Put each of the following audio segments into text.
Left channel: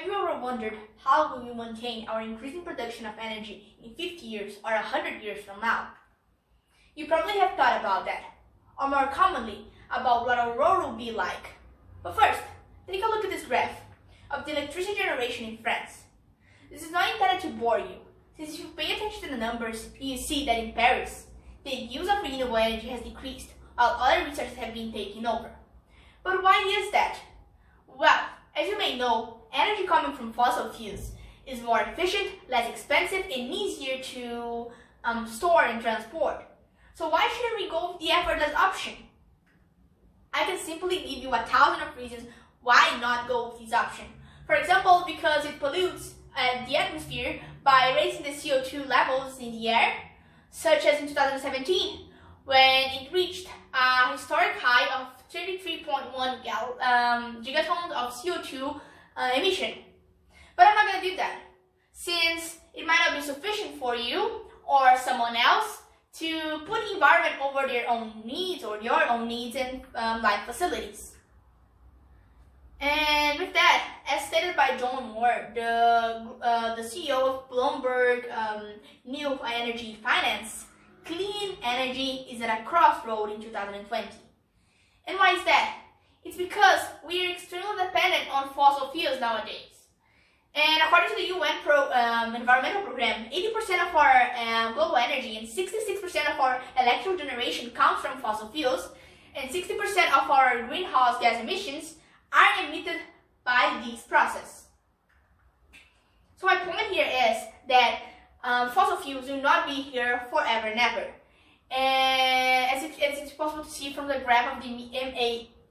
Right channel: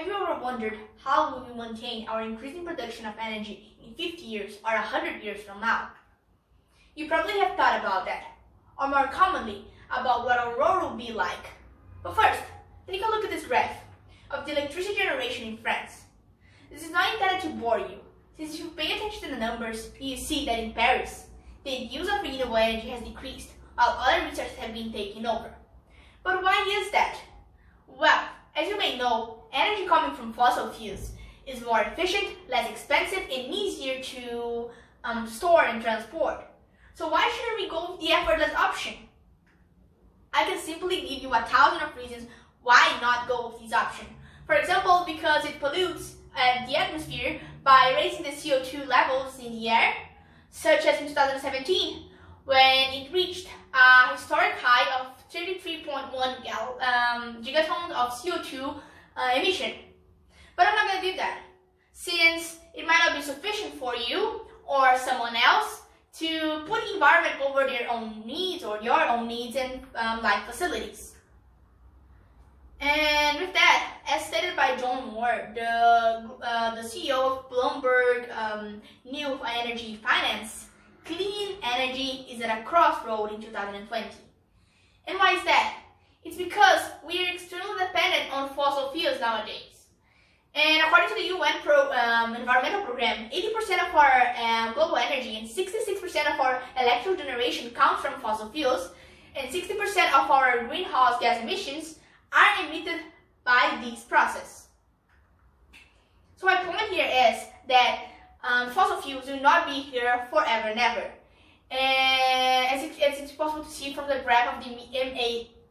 Have you ever wondered how will we maintain our increasing production of energy in 50 years or 100 years from now? You probably have thought about that, or more commonly, about what our world will be like. But first, take a look at this graph of the electricity generation in France. This is not intended to bore you, since if you pay attention to the numbers, you see that in Paris, the use of renewable energy has decreased, while other resources have been taken over. But why is that? Well, as you may know, energy coming from fossil fuels is more efficient, less expensive, and easier to store and transport. So why shouldn't we go with the effortless option? I can simply give you 1,000 of reasons why not go with this option. For example, because it pollutes the atmosphere by raising the CO2 levels in the air, such as in 2017, when it reached a historic high of 33.1 gigatons of CO2 emission. But I'm not going to do that, since it might not be sufficient for you or someone else to put the environment over their own needs or your own needs and life facilities. And with that, as stated by John Moore, the CEO of Bloomberg New Energy Finance, clean energy is at a crossroad in 2020. And why is that? It's because we are extremely dependent on fossil fuels nowadays. And according to the UN Environmental Program, 80% of our global energy and 66% of our electrical generation comes from fossil fuels, and 60% of our greenhouse gas emissions are emitted by this process. So my point here is that fossil fuels will not be here forever and ever. And as it's possible to see from the graph of the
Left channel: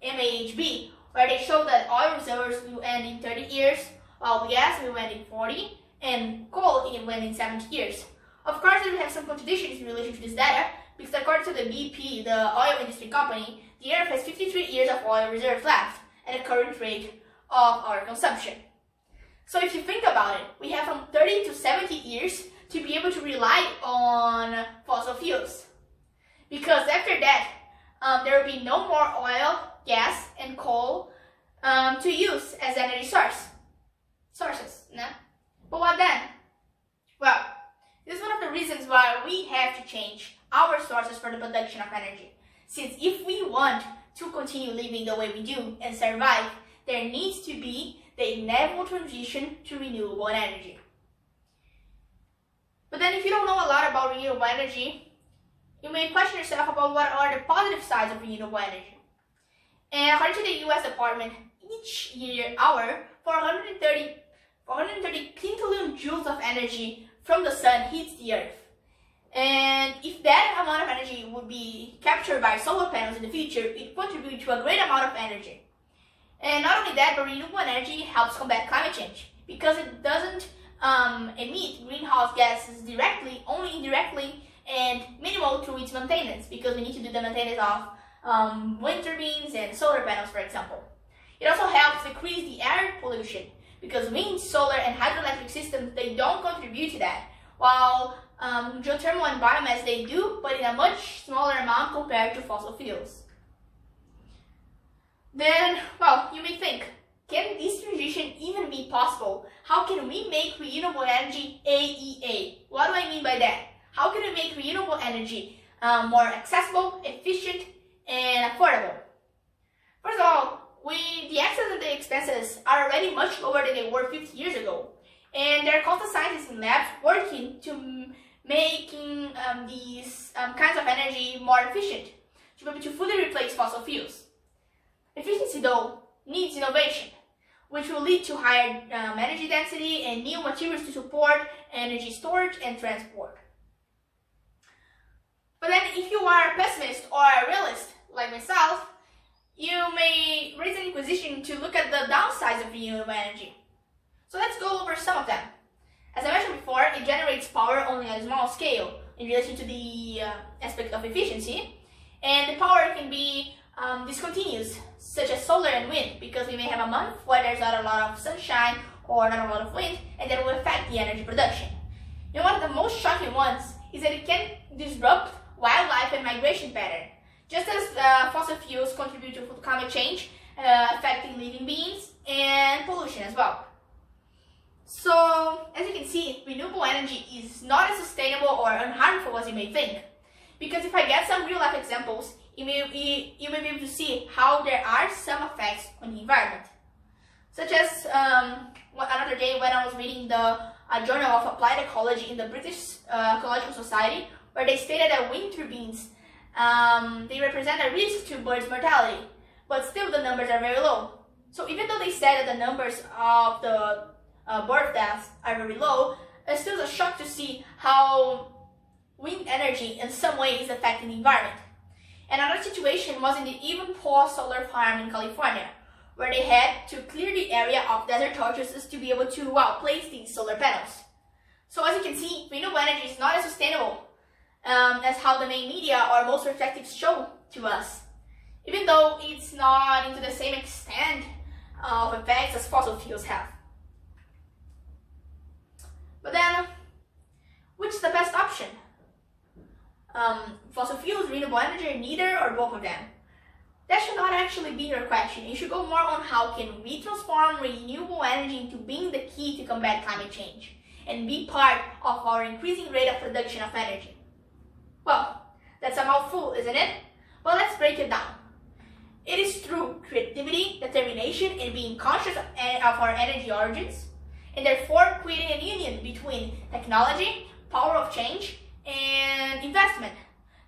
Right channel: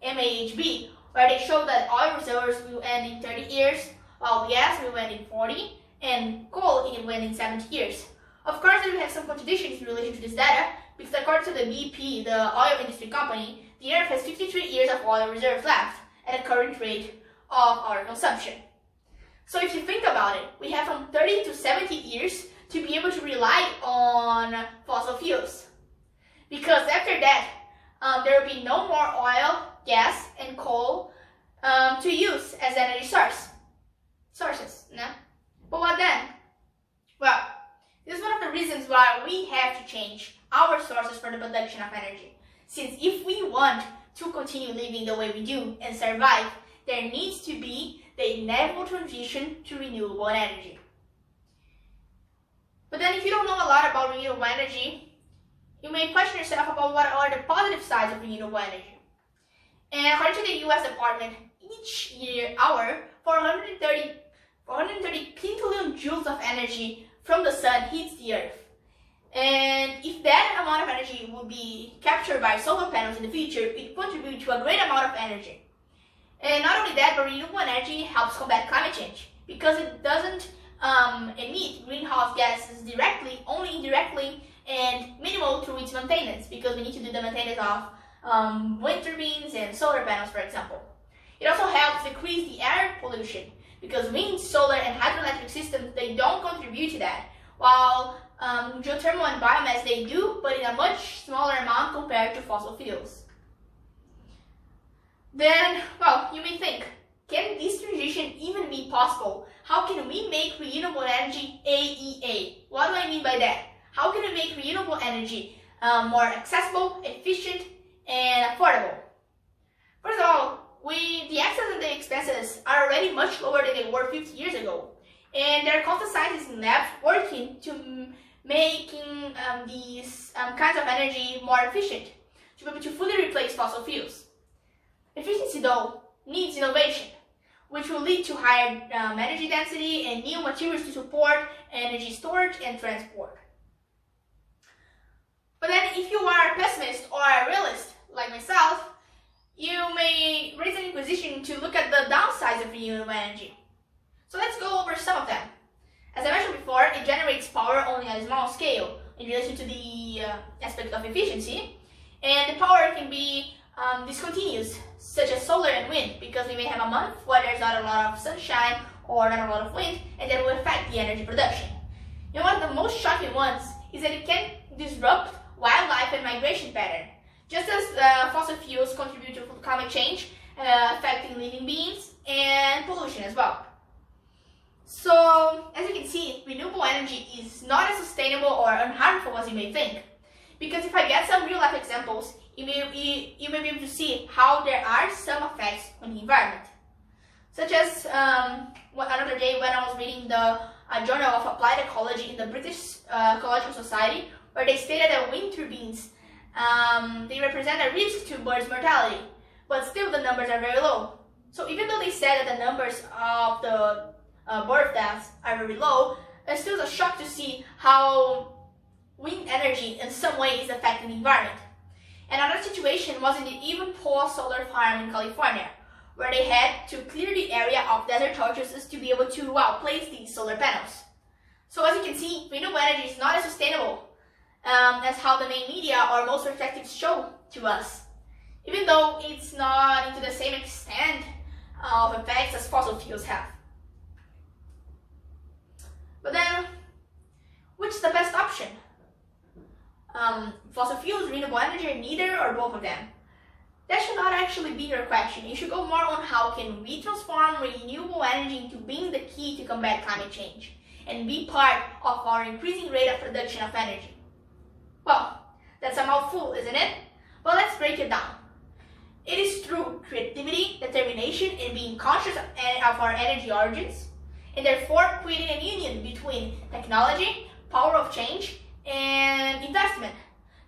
MAHB, where they show that oil reserves will end in 30 years, while gas will end in 40, and coal will end in 70 years. Of course, we have some contradictions in relation to this data, because according to the BP, the oil industry company, the Earth has 53 years of oil reserves left at the current rate of our consumption. So if you think about it, we have from 30 to 70 years to be able to rely on fossil fuels. Because after that, there will be no more oil, gas, and coal to use as energy sources. No? But what then? Well, this is one of the reasons why we have to change our sources for the production of energy. Since if we want to continue living the way we do and survive, there needs to be the inevitable transition to renewable energy. But then if you don't know a lot about renewable energy, you may question yourself about what are the positive sides of renewable energy. And according to the US Department, each hour, 430 quintillion joules of energy from the sun hits the earth. And if that amount of energy would be captured by solar panels in the future, it contributes to a great amount of energy. And not only that, but renewable energy helps combat climate change, because it doesn't emit greenhouse gases directly, only indirectly, and minimal through its maintenance, because we need to do the maintenance of wind turbines and solar panels, for example. It also helps decrease the air pollution, because wind, solar, and hydroelectric systems, they don't contribute to that, while geothermal and biomass, they do, but in a much smaller amount compared to fossil fuels. Then, well, you may think, can this transition even be possible? How can we make renewable energy AEA? What do I mean by that? How can we make renewable energy more accessible, efficient, and affordable? First of all, the access and the expenses are already much lower than they were 50 years ago. And there are constant scientists in labs working to making these kinds of energy more efficient, to be able to fully replace fossil fuels. Efficiency, though, needs innovation, which will lead to higher energy density and new materials to support energy storage and transport. But then if you are a pessimist or a realist, like myself, you may raise an inquisition to look at the downsides of renewable energy. So let's go over some of them. As I mentioned before, it generates power only at a small scale in relation to the aspect of efficiency, and the power can be discontinuous, such as solar and wind, because we may have a month where there's not a lot of sunshine or not a lot of wind, and that will affect the energy production. And one of the most shocking ones is that it can disrupt wildlife and migration pattern. Just as fossil fuels contribute to climate change, affecting living beings and pollution as well. So, as you can see, renewable energy is not as sustainable or unharmful as you may think. Because if I get some real-life examples, you may be able to see how there are some effects on the environment. Such as another day when I was reading the Journal of Applied Ecology in the British Ecological Society, where they stated that wind turbines, they represent a risk to birds' mortality, but still the numbers are very low. So even though they said that the numbers of the bird deaths are very low, it's still a shock to see how wind energy in some way is affecting the environment. Another situation was in the Ivanpah solar farm in California, where they had to clear the area of desert tortoises to be able to place these solar panels. So as you can see, renewable energy is not as sustainable as how the main media or most perspectives show to us, even though it's not into the same extent of effects as fossil fuels have. But then, which is the best option? Fossil fuels, renewable energy, neither or both of them? That should not actually be your question. You should go more on how can we transform renewable energy into being the key to combat climate change and be part of our increasing rate of production of energy. Well, that's a mouthful, isn't it? But let's break it down. It is through creativity, determination, and being conscious of our energy origins, and therefore creating a union between technology, power of change, and investment.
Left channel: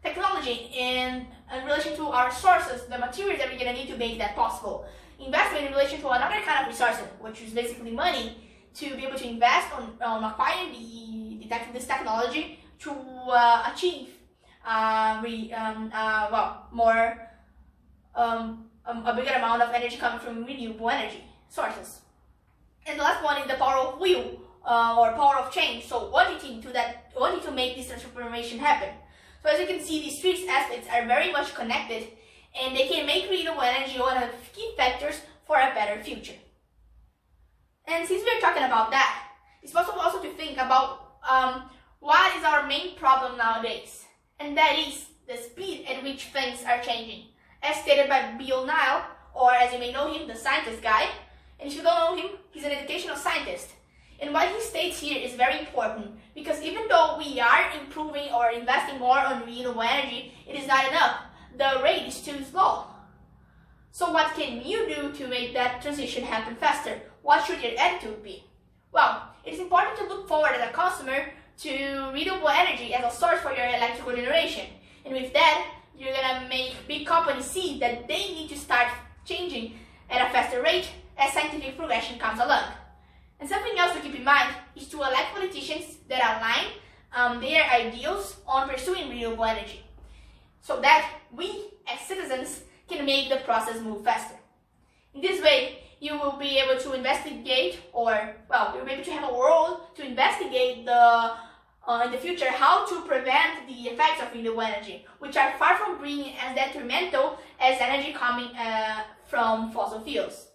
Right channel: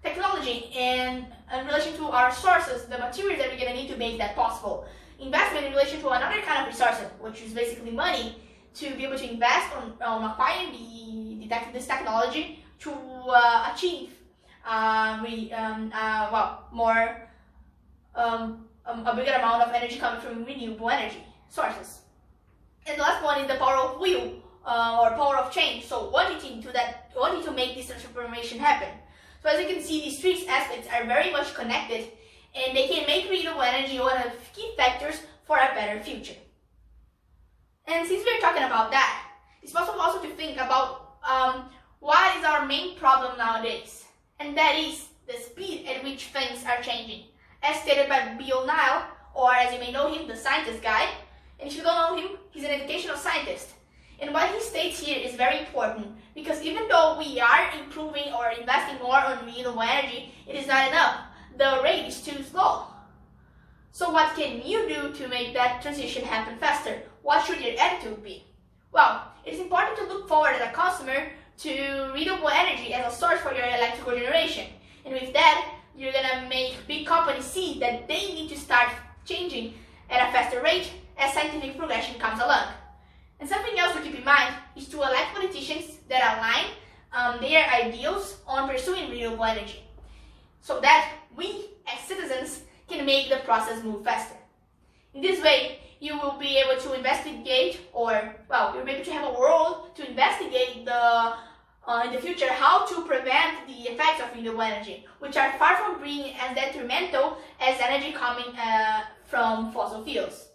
Technology in relation to our sources, the materials that we're going to need to make that possible. Investment in relation to another kind of resources, which is basically money, to be able to invest on acquiring this technology to achieve a bigger amount of energy coming from renewable energy sources. And the last one is the power of will or power of change. So wanting to make this transformation happen. So as you can see, these three aspects are very much connected, and they can make renewable energy one of the key factors for a better future. And since we're talking about that, it's possible also to think about what is our main problem nowadays, and that is the speed at which things are changing. As stated by Bill Nye, or as you may know him, the scientist guy, and if you don't know him, he's an educational scientist. And what he states here is very important, because even though we are improving or investing more on renewable energy, it is not enough. The rate is too slow. So what can you do to make that transition happen faster? What should your attitude be? Well, it is important to look forward as a consumer to renewable energy as a source for your electrical generation. And with that, you're gonna make big companies see that they need to start changing at a faster rate as scientific progression comes along. And something else to keep in mind is to elect politicians that align their ideals on pursuing renewable energy, so that we as citizens can make the process move faster. In this way, you will be able to investigate, you'll be able to have a world to investigate in the future how to prevent the effects of renewable energy, which are far from being as detrimental as energy coming from fossil fuels.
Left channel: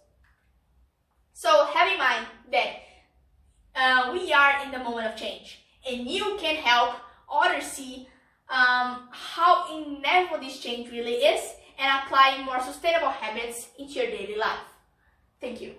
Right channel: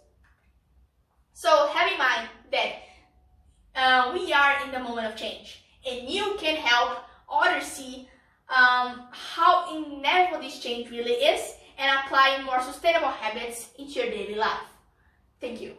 So have in mind that we are in the moment of change, and you can help others see how inevitable this change really is and apply more sustainable habits into your daily life. Thank you.